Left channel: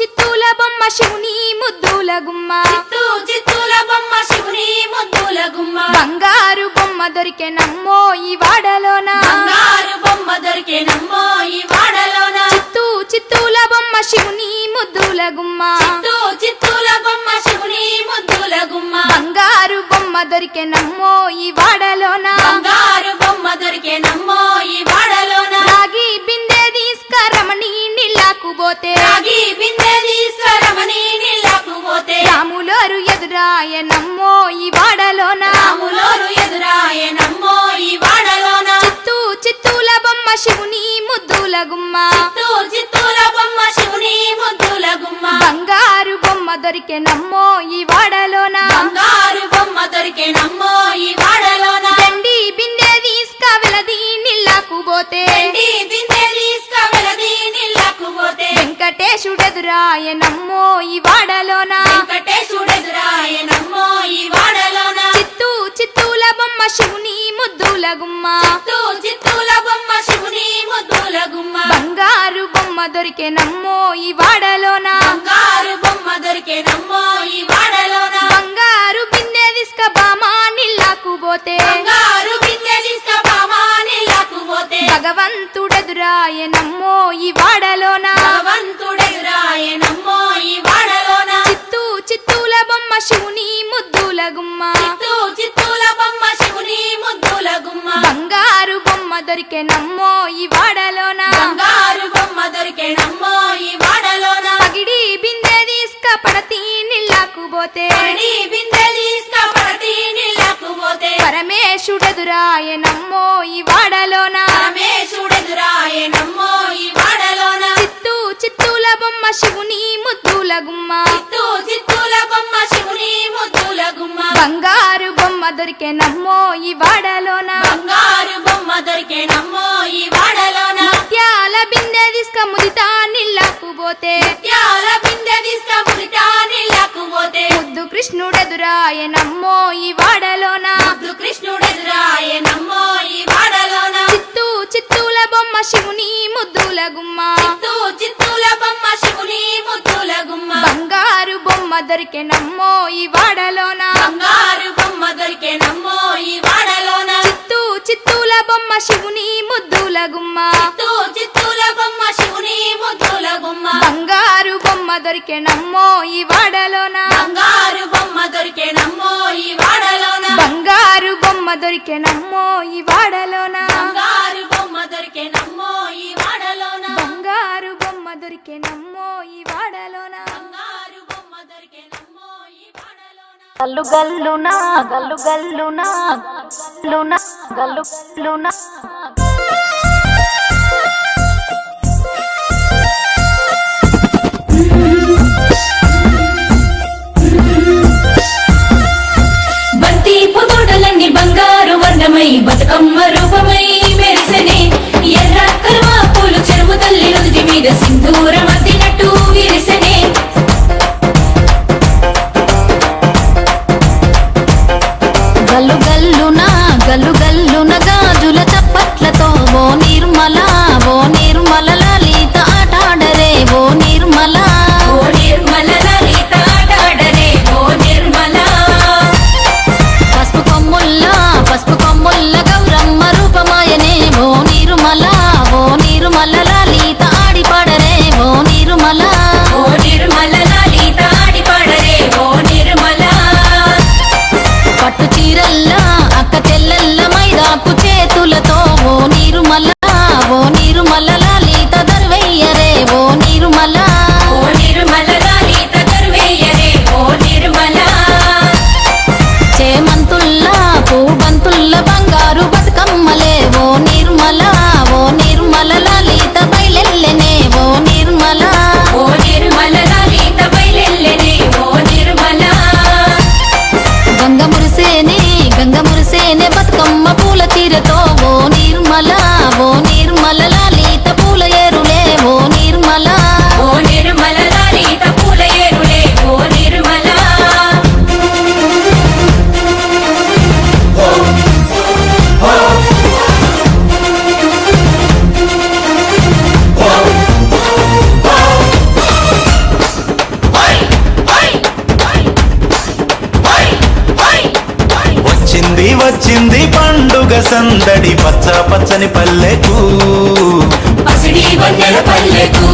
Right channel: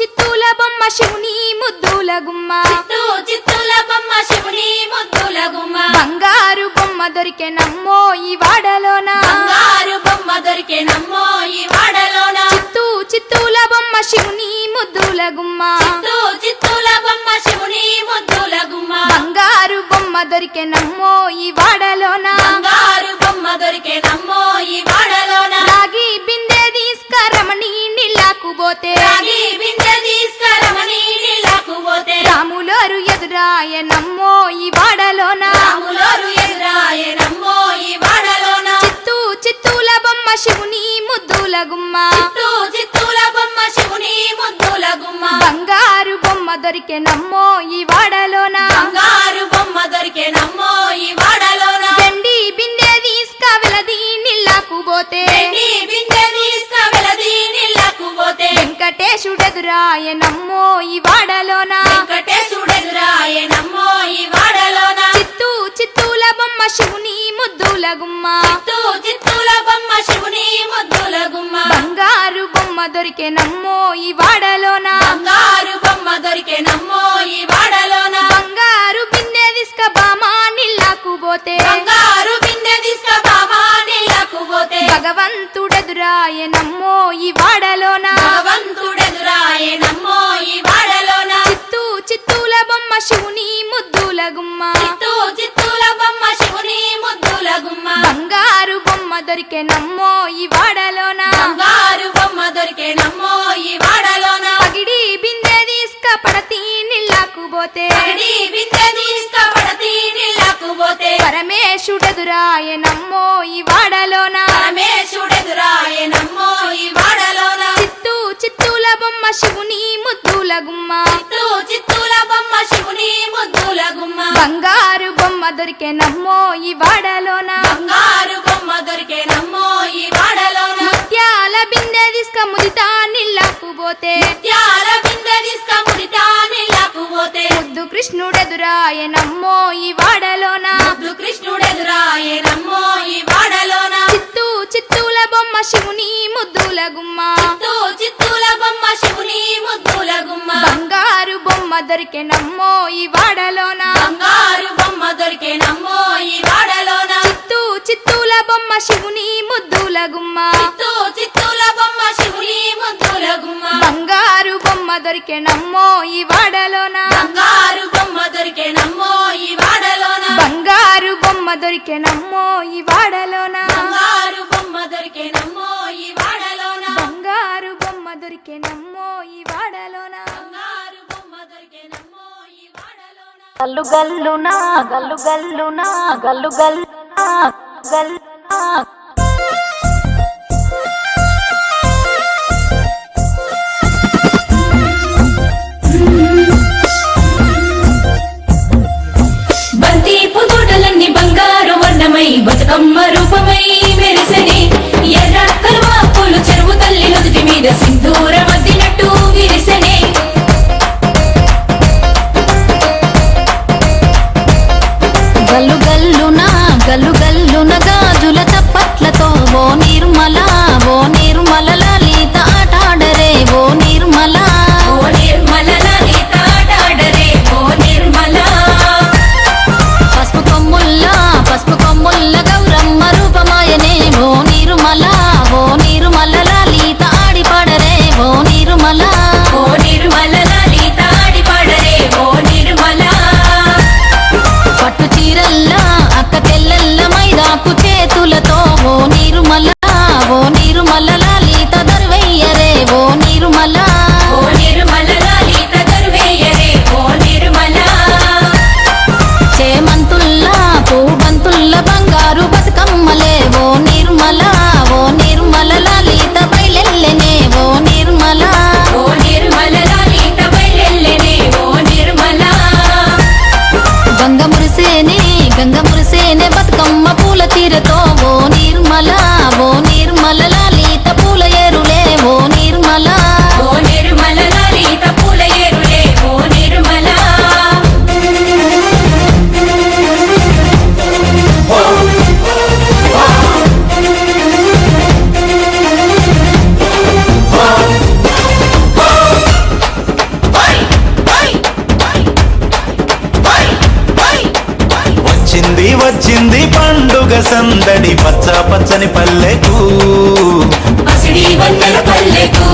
చిత్తూల బొమ్మ శివుని ముద్దుల గుమ్మ చిత్తూల బొమ్మ శివుని ముద్దుల గుమ్మ బంగారు బొమ్మ దొరికెనమ్మో ఈ వాడలోన బంగారు బొమ్మ దొరికెనమ్మో ఈ వాడలోన చిత్తూల బొమ్మ శివుని ముద్దుల గుమ్మ చిత్తూల బొమ్మ శివుని ముద్దుల గుమ్మ బంగారు బొమ్మ దొరికెనమ్మో ఈ వాడలోన బంగారు బొమ్మ దొరికెనమ్మో ఈ వాడలోన రాగి బిందె తీసుకరమణి నీళ్ళకు పోతే రాగి బిందె తీసుకరమణి నీళ్ళకు పోతే రాములోరు ఎదురాయనమ్మో ఈ వాడలోన రాములోరు ఎదురాయనమ్మో ఈ వాడలోన చిత్తూల బొమ్మ శివుని ముద్దుల గుమ్మ చిత్తూల బొమ్మ శివుని ముద్దుల గుమ్మ బంగారు బొమ్మ దొరికెనమ్మో ఈ వాడలోన బంగారు బొమ్మ దొరికెనమ్మో ఈ వాడలోన వెండి బిందె తీసుకవెలది నీళ్ళకు పోతే వెండి బిందె తీసుకవెలది నీళ్ళకు పోతే వెంకటేశుడెదురాయనమ్మో ఈ వాడలోన వెంకటేశుడెదురాయనమ్మో ఈ వాడలోన చిత్తూల బొమ్మ శివుని ముద్దుల గుమ్మ చిత్తూల బొమ్మ శివుని ముద్దుల గుమ్మ బంగారు బొమ్మ దొరికెనమ్మో ఈ వాడలోన బంగారు బొమ్మ దొరికెనమ్మో ఈ వాడలోన బంగారు బిందె తీసుక బామా నీళ్ళకు పోతే బంగారు బిందె తీసుకబామా నీళ్ళకు పోతే భగవంతుడెదురాయనమ్మో ఈ వాడలోన భగవంతుడెదురాయనమ్మో ఈ వాడలోన చిత్తూల బొమ్మ శివుని ముద్దుల గుమ్మ చిత్తూల బొమ్మ శివుని ముద్దుల గుమ్మ బంగారు బొమ్మ దొరికెనమ్మో ఈ వాడలోన బంగారు బొమ్మ దొరికెనమ్మో ఈ వాడలోన పగిడి బిందె తీసుక పడతి నీళ్ళకు పోతే పడి బిందె తీసుకపడతి నీళ్ళకు పోతే పరమేశుడెదురాయనమ్మో ఈ వాడలోన పరమేశుడెదురాయనమ్మో ఈ వాడలోన చిత్తూల బొమ్మ శివుని ముద్దుల గుమ్మ చిత్తూల బొమ్మ శివుని ముద్దుల గుమ్మ బంగారు బొమ్మ దొరికెనమ్మో ఈ వాడలోన బంగారు బొమ్మ దొరికెనమ్మో ఈ వాడలోన ముత్యాల బిందె తీసుక ముదితా నీళ్ళకు పోతే త్యాల బిందె తీసుకముదితా నీళ్ళకు పోతే ముద్దు కృష్ణుడెదురాయనమ్మో ఈ వాడలోన కృష్ణుడెదురాయనమ్మో ఈ వాడలోన చిత్తూల బొమ్మ శివుని ముద్దుల గుమ్మ చిత్తూల బొమ్మ శివుని ముద్దుల గుమ్మ బంగారు బొమ్మ దొరికెనమ్మో ఈ వాడలోన బంగారు బొమ్మ దొరికెనమ్మో ఈ వాడలోన చిత్తూల బొమ్మ శివుని ముద్దుల గుమ్మ చిత్తూల బొమ్మ శివుని ముద్దుల గుమ్మ బంగారు బొమ్మ దొరికెనమ్మో ఈ వాడలోన బంగారు బొమ్మ దొరికెనమ్మో ఈ వాడలోన బంగారు బొమ్మ దొరికెనమ్మో ఈ వాడలోన బంగారు బొమ్మ దొరికెనమ్మో ఈ వాడలోన బంగారు బొమ్మ దొరికెనమ్మో ఈ వాడలోన బంగారు బొమ్మ దొరికెనమ్మో ఈ వాడలోన గల్లు గల్లునా గల్లు గల్లునా గల్లు గల్లునా గల్లు గల్లునా బంతి పుతోటలన్నీ బంగారు వర్ణమై బతుకమ్మ రూపమై మెరిసెనే ఎర్ర కలువ పూలు చెరువు తల్లి నుదుటి మీద సింధూరం అద్దినట్టు విరిసెనే గల్లు గల్లునా గల్లు గల్లున గాజుల చప్పట్లతో ఓ నిర్మల లలిత ఆటాడరే ఓ నిర్మల ఓ నిర్మల లలిత ఆటాడరే ఓ నిర్మల పసుపు కొమ్ముల్ల గౌరమ్మ రూపమాయనే ఓ నిర్మల లలిత ఆడిపాడరే ఓ నిర్మల ఓ నిర్మల లలిత ఆడిపాడరే ఓ నిర్మల పట్టు చీరల్లా అక్క తెల్లల్ల మైదాకు చేతులతో ఓ నిర్మల లలిత దర్వయ్యరే ఓ నిర్మల ఓ నిర్మల లలిత దర్వేయరే ఓ నిర్మల చేమంతుల్లా పూబంతుల్ల బంగారు బతుకమ్మలే ఓ నిర్మల లలిత బయలెల్లెనే ఓ నిర్మల ఓ నిర్మల లలిత బయలెల్లెనే ఓ నిర్మల గంగ మురిసేనే బతుకమ్మ పూల చీరతో ఓ నిర్మల లలిత పూల ఏరులే ఓ నిర్మల ఓ నిర్మల లలిత పూల ఏరులే ఓ నిర్మల వచ్చింది వచ్చింది పండుగ సందడి పచ్చ పచ్చని పల్లెకు పసిడి వన్నెల పల్లెకు